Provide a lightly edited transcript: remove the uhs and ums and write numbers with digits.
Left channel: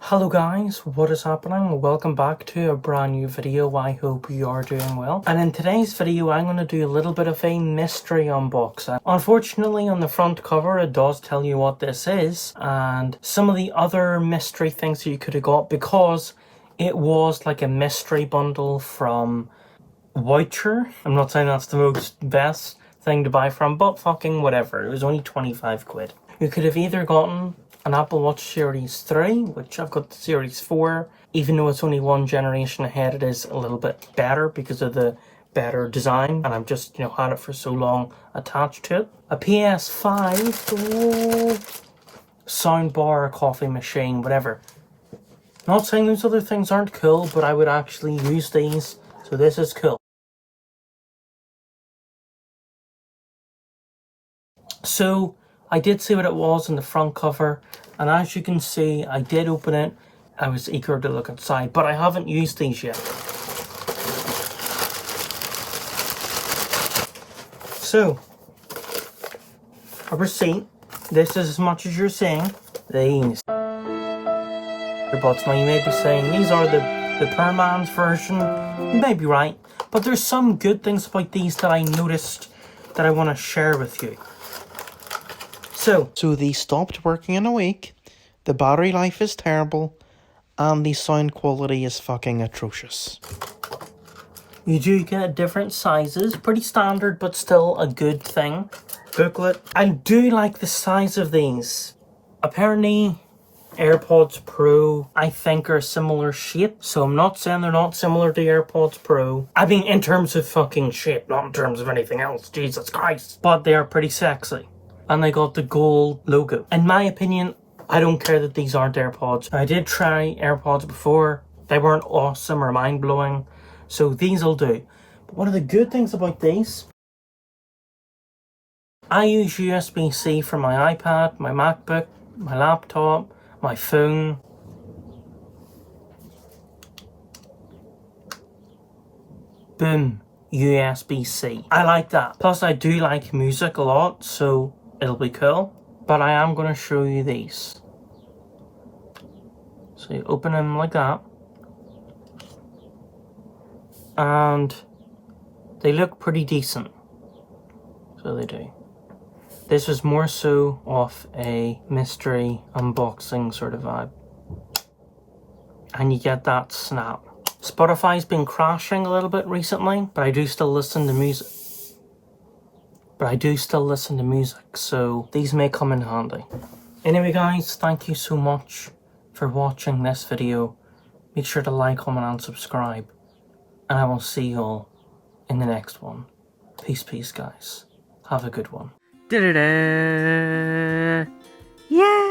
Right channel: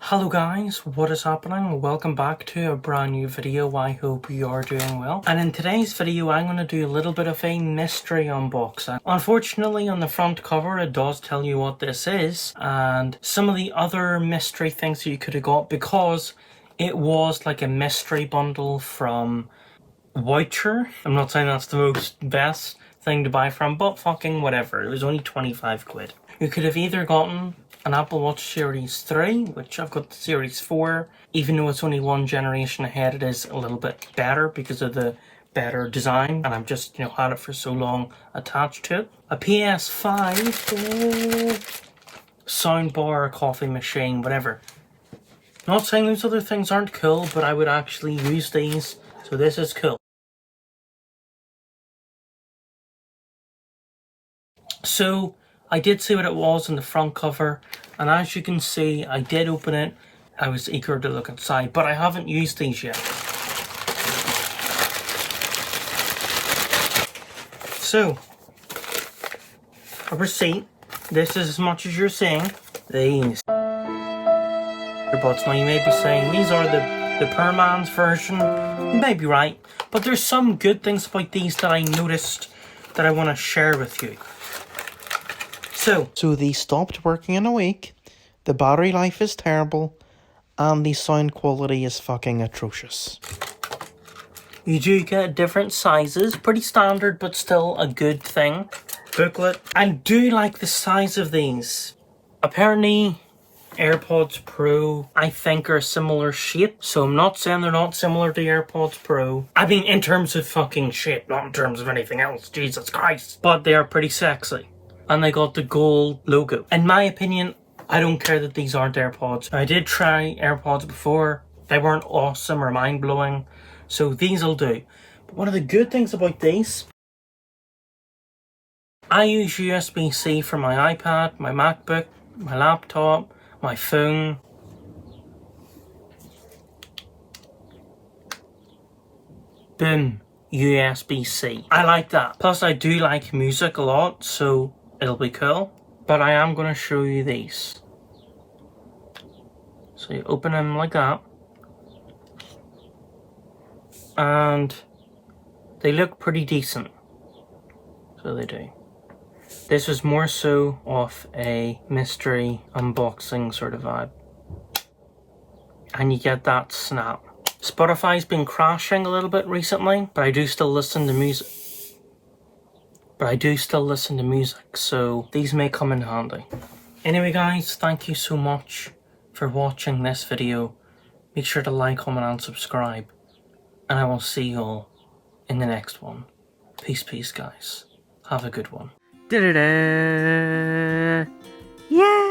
Hello guys, what is happening? Welcome back to a brand new video. I hope you are doing well. And in today's video, I'm going to do a little bit of a mystery unboxing. Unfortunately, on the front cover, it does tell you what this is and some of the other mystery things that you could have got, because it was like a mystery bundle from Wowcher. I'm not saying that's the most best thing to buy from, but fucking whatever. It was only 25 quid. You could have either gotten an Apple Watch Series 3, which I've got the Series 4. Even though it's only one generation ahead, it is a little bit better because of the better design, and I've just, had it for so long attached to it. A PS5, soundbar, coffee machine, whatever. Not saying those other things aren't cool, but I would actually use these, so this is cool. So, I did see what it was in the front cover, and as you can see, I did open it. I was eager to look inside, but I haven't used these yet. So, a receipt. This is as much as you're seeing. These earbuds. Now you may be saying, these are the poor man's version. You may be right, but there's some good things about these that I noticed that I want to share with you. So they stopped working in a week, the battery life is terrible, and the sound quality is fucking atrocious. You do get different sizes, pretty standard but still a good thing. Booklet. I do like the size of these. Apparently AirPods Pro, I think, are a similar shape, so I'm not saying they're not similar to AirPods Pro. I mean in terms of fucking shape, not in terms of anything else, Jesus Christ. But they are pretty sexy. And they got the gold logo. In my opinion, I don't care that these aren't AirPods. I did try AirPods before. They weren't awesome or mind-blowing, so these will do. But one of the good things about these, I use USB-C for my iPad, my MacBook, my laptop, my phone. Boom, USB-C. I like that. Plus I do like music a lot, so it'll be cool. But I am going to show you these. So you open them like that. And they look pretty decent. So they do. This was more so off a mystery unboxing sort of vibe. And you get that snap. Spotify's been crashing a little bit recently, but I do still listen to music. So these may come in handy. Anyway guys, thank you so much for watching this video. Make sure to like, comment and subscribe. And I will see you all in the next one. Peace guys. Have a good one. Yeah!